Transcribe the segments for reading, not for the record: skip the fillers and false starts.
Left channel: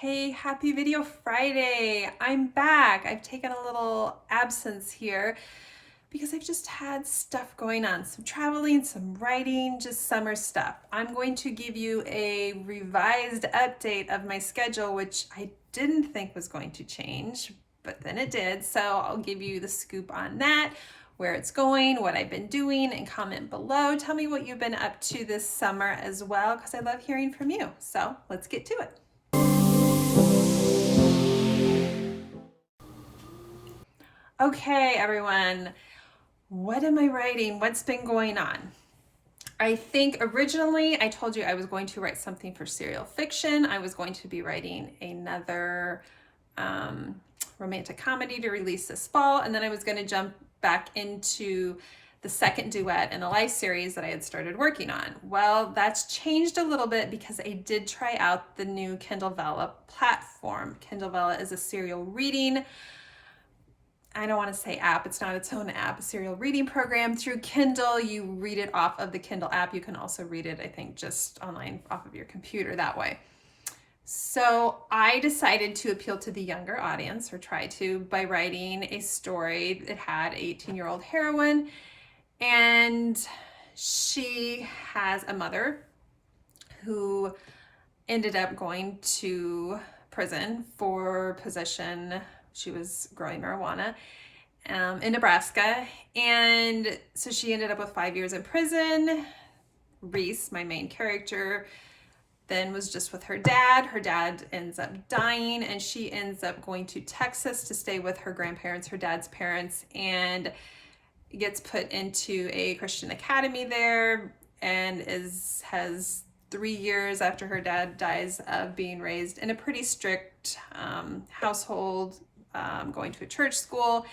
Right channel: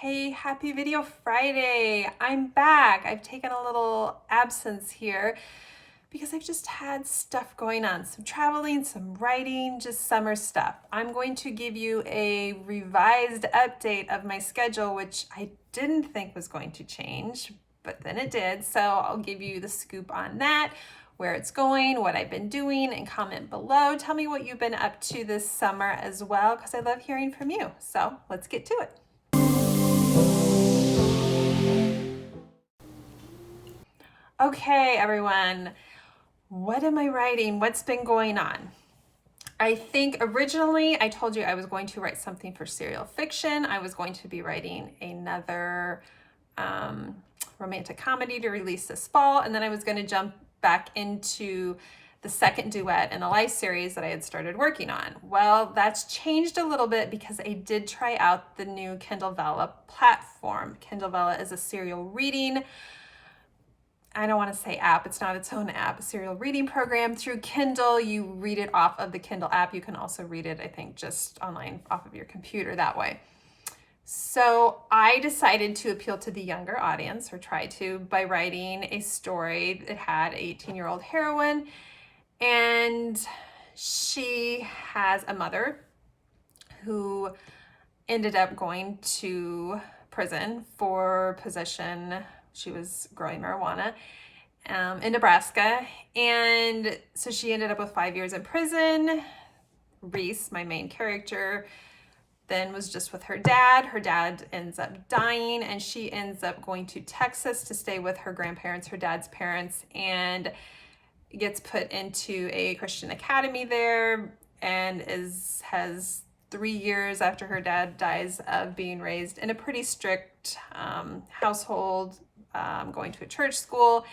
Hey, happy Video Friday. I'm back. I've taken a little absence here because I've just had stuff going on, some traveling, some writing, just summer stuff. I'm going to give you a revised update of my schedule, which I didn't think was going to change, but then it did. So I'll give you the scoop on that, where it's going, what I've been doing, and comment below. Tell me what you've been up to this summer as well, because I love hearing from you. So let's get to it. Okay, everyone, what am I writing? What's been going on? I think originally I told you I was going to write something for serial fiction. I was going to be writing another romantic comedy to release this fall, and then I was going to jump back into the second duet in the life series that I had started working on. Well, that's changed a little bit because I did try out the new Kindle Vella platform. Kindle Vella is a serial reading, I don't want to say app, it's not its own app, a serial reading program through Kindle. You read it off of the Kindle app. You can also read it, I think, just online off of your computer that way. So I decided to appeal to the younger audience, or try to, by writing a story that had an 18-year-old heroine, and she has a mother who ended up going to prison for possession. She was growing marijuana in Nebraska. And so she ended up with 5 years in prison. Reese, my main character, then was just with her dad. Her dad ends up dying, and she ends up going to Texas to stay with her grandparents, her dad's parents, and gets put into a Christian academy there, and has 3 years after her dad dies of being raised in a pretty strict household, going to a church school.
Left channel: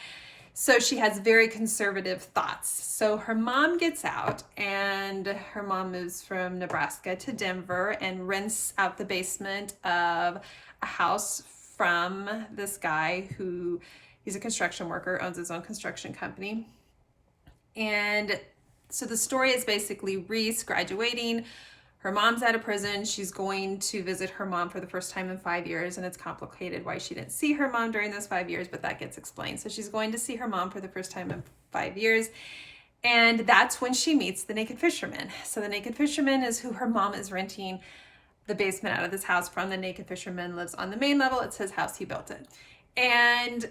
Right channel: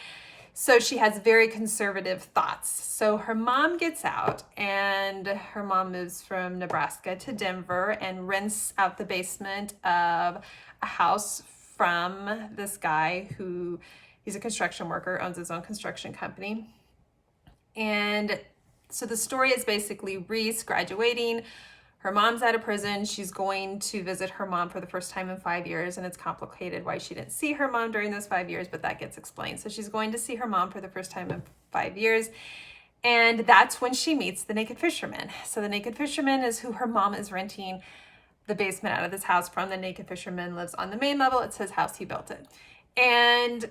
So she has very conservative thoughts. So her mom gets out, and her mom moves from Nebraska to Denver and rents out the basement of a house from this guy who, he's a construction worker, owns his own construction company. And so the story is basically Reese graduating. Her mom's out of prison. She's going to visit her mom for the first time in 5 years, and it's complicated why she didn't see her mom during those 5 years, but that gets explained. So she's going to see her mom for the first time in 5 years, and that's when she meets the Naked Fisherman. So the Naked Fisherman is who her mom is renting the basement out of this house from. The Naked Fisherman lives on the main level. It's his house. He built it. And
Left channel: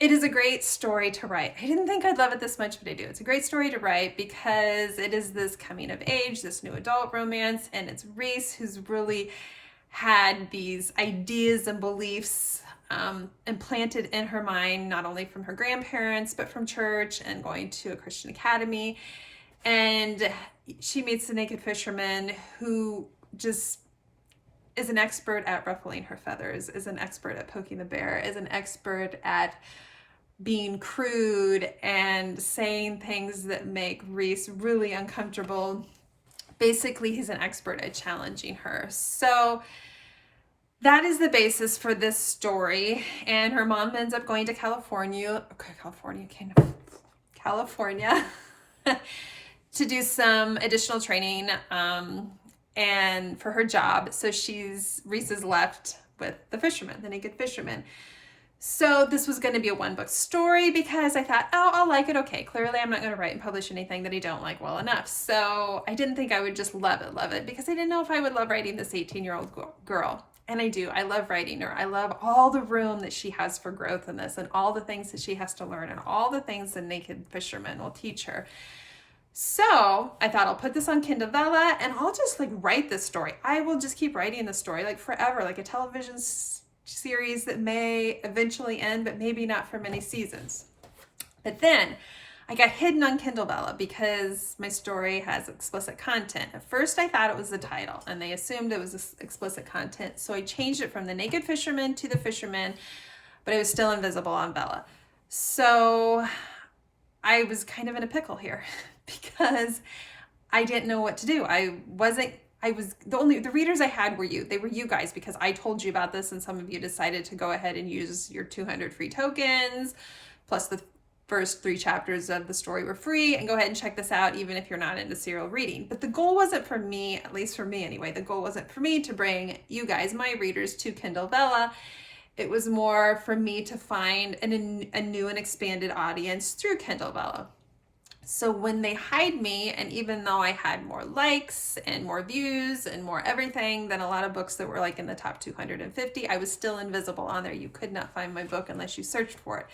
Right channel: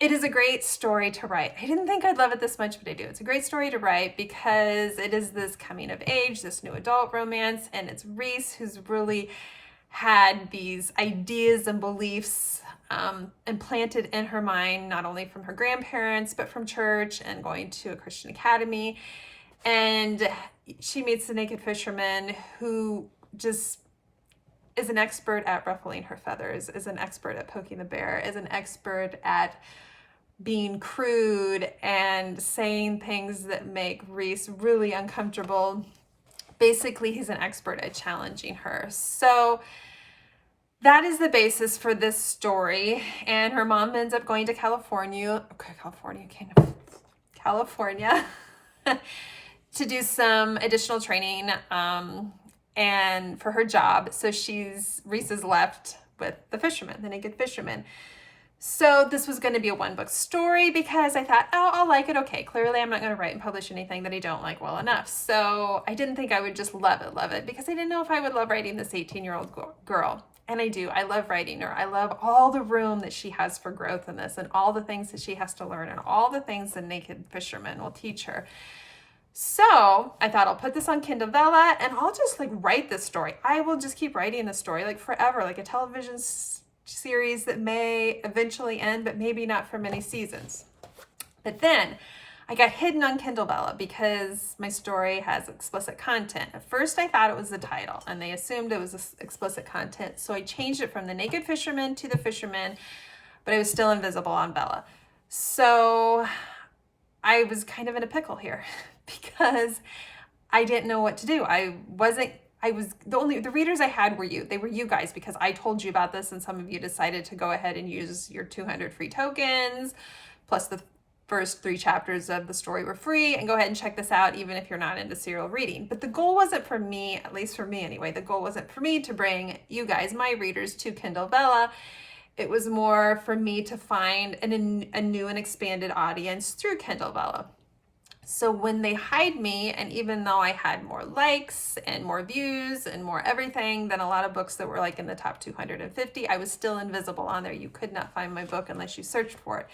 it is a great story to write. I didn't think I'd love it this much, but I do. It's a great story to write because it is this coming of age, this new adult romance, and it's Reese who's really had these ideas and beliefs implanted in her mind, not only from her grandparents, but from church and going to a Christian academy. And she meets the Naked Fisherman, who just is an expert at ruffling her feathers, is an expert at poking the bear, is an expert at being crude and saying things that make Reese really uncomfortable. Basically, he's an expert at challenging her. So that is the basis for this story. And her mom ends up going to California to do some additional training and for her job. So Reese is left with the fisherman, the Naked Fisherman. So this was going to be a one-book story because I thought, oh, I'll like it. Okay, clearly I'm not going to write and publish anything that I don't like well enough. So I didn't think I would just love it, because I didn't know if I would love writing this 18-year-old girl. And I do. I love writing her. I love all the room that she has for growth in this, and all the things that she has to learn, and all the things the Naked Fisherman will teach her. So I thought, I'll put this on Kindle Vella and I'll just write this story. I will just keep writing this story forever, like a television series that may eventually end, but maybe not for many seasons. But then I got hidden on Kindle Vella because my story has explicit content. At first I thought it was the title, and they assumed it was explicit content. So I changed it from the Naked Fisherman to the Fisherman, but it was still invisible on Vella. So I was kind of in a pickle here because I didn't know what to do. The readers I had were you. They were you guys, because I told you about this, and some of you decided to go ahead and use your 200 free tokens plus the first 3 chapters of the story were free, and go ahead and check this out even if you're not into serial reading. But the goal wasn't for me, at least for me anyway, the goal wasn't for me to bring you guys, my readers, to Kindle Vella. It was more for me to find a new and expanded audience through Kindle Vella. So when they hide me, and even though I had more likes and more views and more everything than a lot of books that were like in the top 250, I was still invisible on there. You could not find my book unless you searched for it.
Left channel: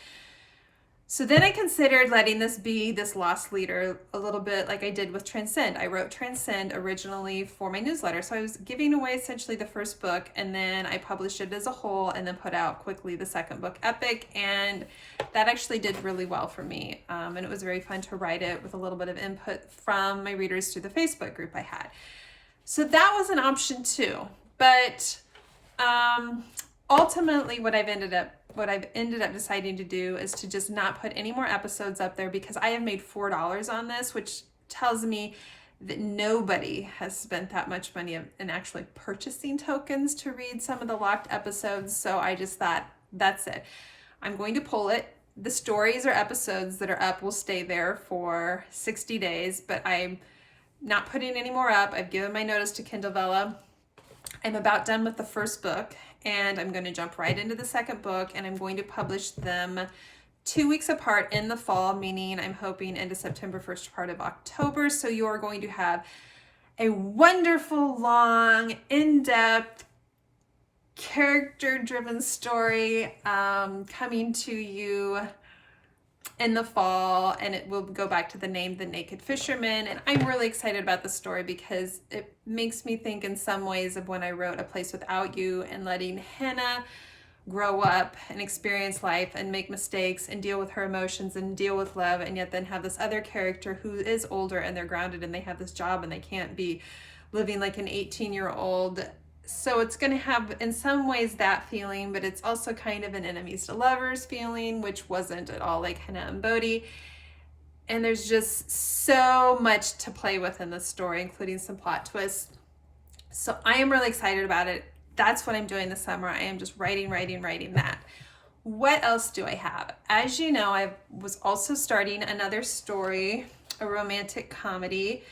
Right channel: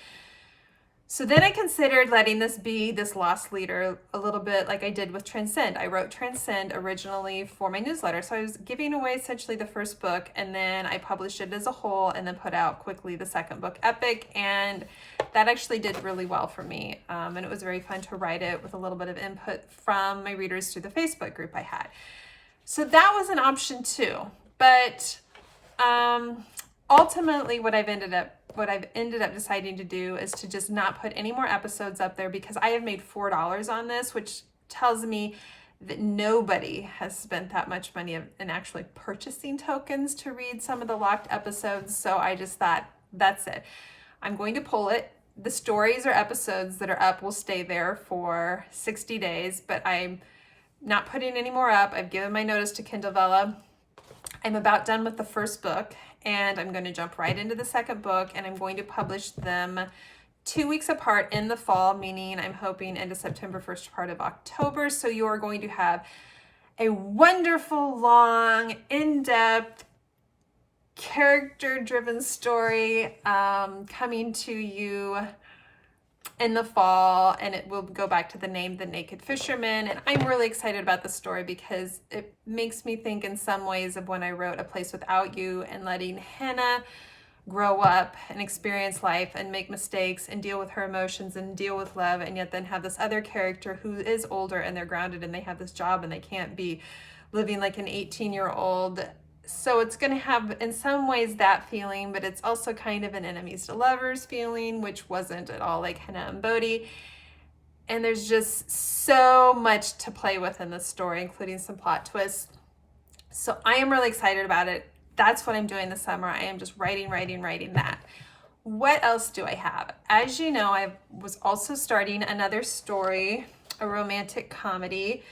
So then I considered letting this be this lost leader a little bit like I did with Transcend. I wrote Transcend originally for my newsletter. So I was giving away essentially the first book, and then I published it as a whole and then put out quickly the second book, Epic. And that actually did really well for me. And it was very fun to write it with a little bit of input from my readers through the Facebook group I had. So that was an option too. But ultimately what I've ended up deciding to do is to just not put any more episodes up there, because I have made $4 on this, which tells me that nobody has spent that much money in actually purchasing tokens to read some of the locked episodes. So I just thought, that's it. I'm going to pull it. The stories or episodes that are up will stay there for 60 days, but I'm not putting any more up. I've given my notice to Kindle Vella. I'm about done with the first book, and I'm going to jump right into the second book, and I'm going to publish them 2 weeks apart in the fall, meaning I'm hoping into September, first part of October. So you are going to have a wonderful, long, in-depth, character-driven story coming to you in the fall, and it will go back to the name The Naked Fisherman. And I'm really excited about the story because it makes me think in some ways of when I wrote A Place Without You, and letting Hannah grow up and experience life and make mistakes and deal with her emotions and deal with love, and yet then have this other character who is older and they're grounded and they have this job and they can't be living like an 18-year-old. So it's going to have in some ways that feeling, but it's also kind of an enemies to lovers feeling, which wasn't at all like Hannah and Bodhi. And there's just so much to play with in this story, including some plot twists. So I am really excited about it. That's what I'm doing this summer. I am just writing that. What else do I have? As you know, I was also starting another story, a romantic comedy,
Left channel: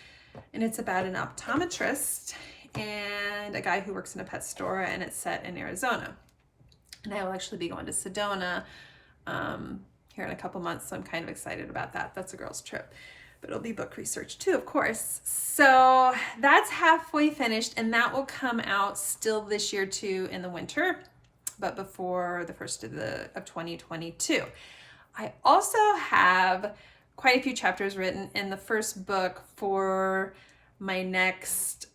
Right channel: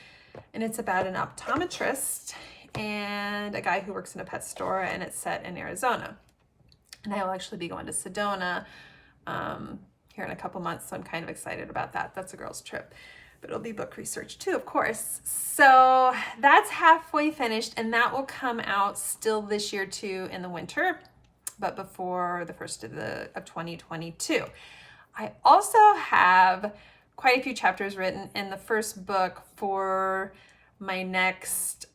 and it's about an optometrist and a guy who works in a pet store, and it's set in Arizona. And I will actually be going to Sedona here in a couple months, so I'm kind of excited about that. That's a girl's trip, but it'll be book research too, of course. So that's halfway finished, and that will come out still this year too in the winter, but before the first of 2022. I also have quite a few chapters written in the first book for my next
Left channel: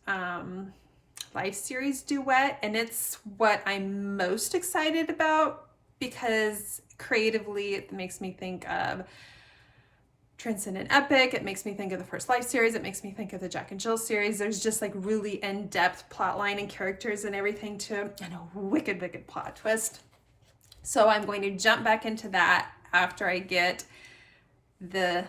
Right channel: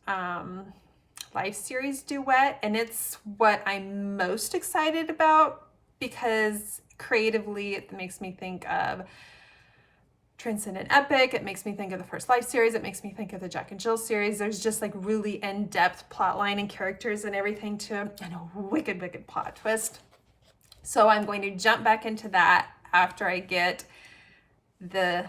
life series duet, and it's what I'm most excited about because creatively it makes me think of Transcendent Epic, it makes me think of the first life series, it makes me think of the Jack and Jill series. There's just like really in-depth plot line and characters and everything too, and a wicked plot twist. So I'm going to jump back into that after I get the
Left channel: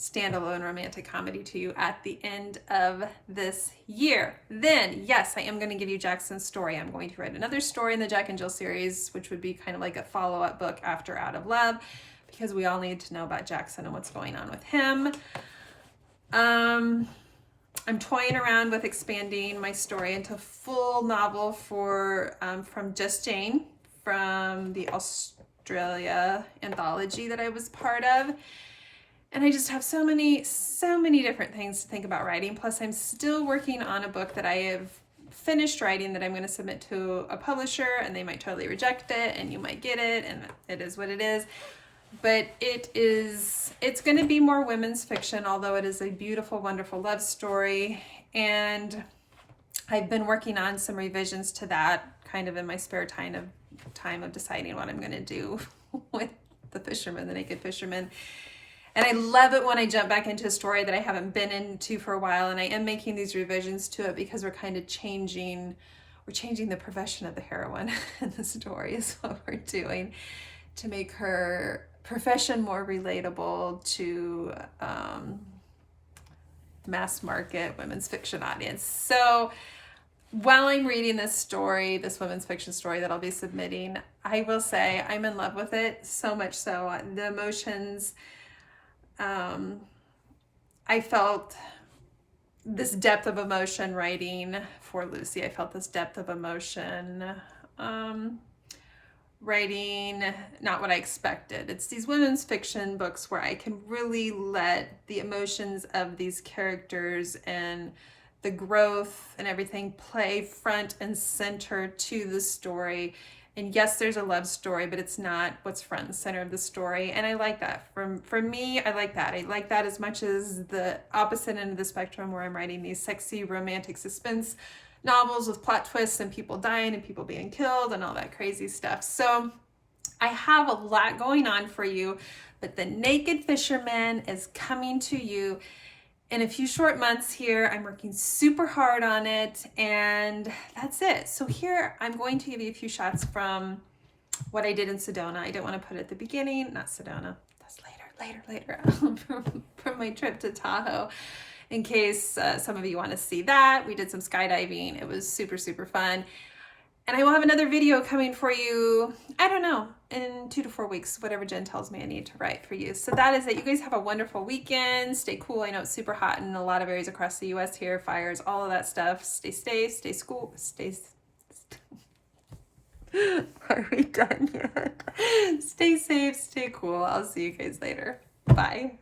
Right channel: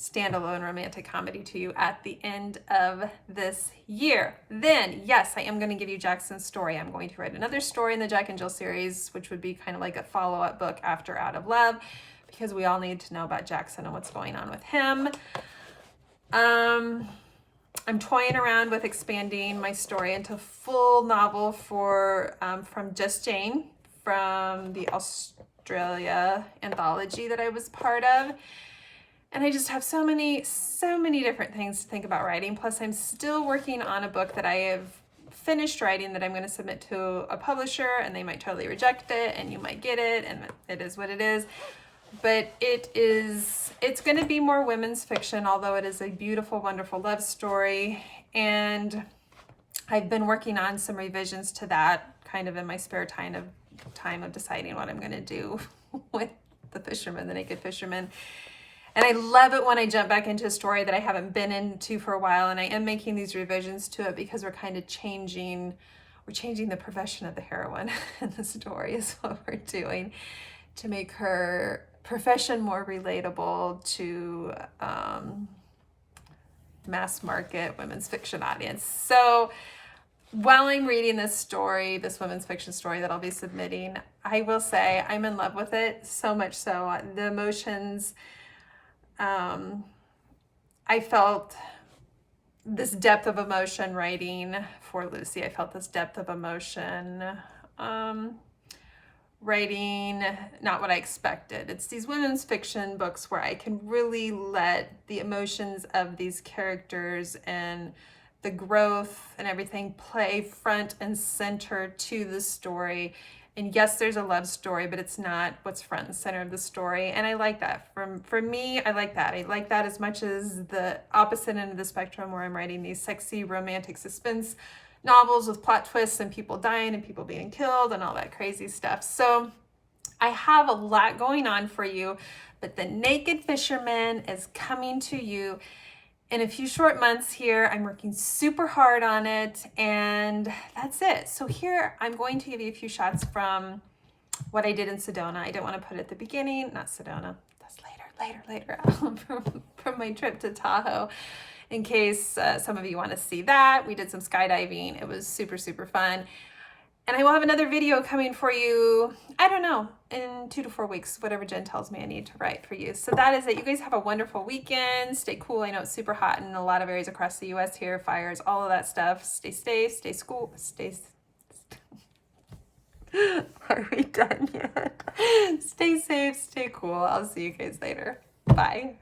standalone romantic comedy to you at the end of this year. Then, yes, I am going to give you Jackson's story. I'm going to write another story in the Jack and Jill series, which would be kind of like a follow-up book after Out of Love, because we all need to know about Jackson and what's going on with him. I'm toying around with expanding my story into full novel for from Just Jane, from the Australia anthology that I was part of. And I just have so many different things to think about writing. Plus, I'm still working on a book that I have finished writing that I'm going to submit to a publisher, and they might totally reject it, and you might get it, and it is what it is. But it's going to be more women's fiction, although it is a beautiful, wonderful love story. And I've been working on some revisions to that kind of in my spare time of deciding what I'm going to do with the Fisherman, the Naked Fisherman. And I love it when I jump back into a story that I haven't been into for a while, and I am making these revisions to it because we're kind of changing the profession of the heroine in the story is what we're doing to make her profession more relatable to mass market women's fiction audience. So while I'm reading this story, this women's fiction story that I'll be submitting, I will say I'm in love with it, so much so. The emotions, I felt this depth of emotion writing for Lucy. I felt this depth of emotion writing not what I expected. It's these women's fiction books where I can really let the emotions of these characters and the growth and everything play front and center to the story. And yes, there's a love story, but it's not what's front and center of the story. And I like that. For me, I like that. I like that as much as the opposite end of the spectrum where I'm writing these sexy romantic suspense novels with plot twists and people dying and people being killed and all that crazy stuff. So I have a lot going on for you, but The Naked Fisherman is coming to you in a few short months here. I'm working super hard on it, and that's it. So here I'm going to give you a few shots from what I did in Sedona. I didn't want to put it at the beginning, not Sedona, that's later, from my trip to Tahoe, in case some of you want to see that. We did some skydiving. It was super, super fun. And I will have another video coming for you, I don't know, in 2 to 4 weeks, whatever Jen tells me I need to write for you. So that is it. You guys have a wonderful weekend. Stay cool. I know it's super hot in a lot of areas across the US here, fires, all of that stuff. Stay safe, stay school, Are we done yet? Stay safe, stay cool. I'll see you guys later. Bye.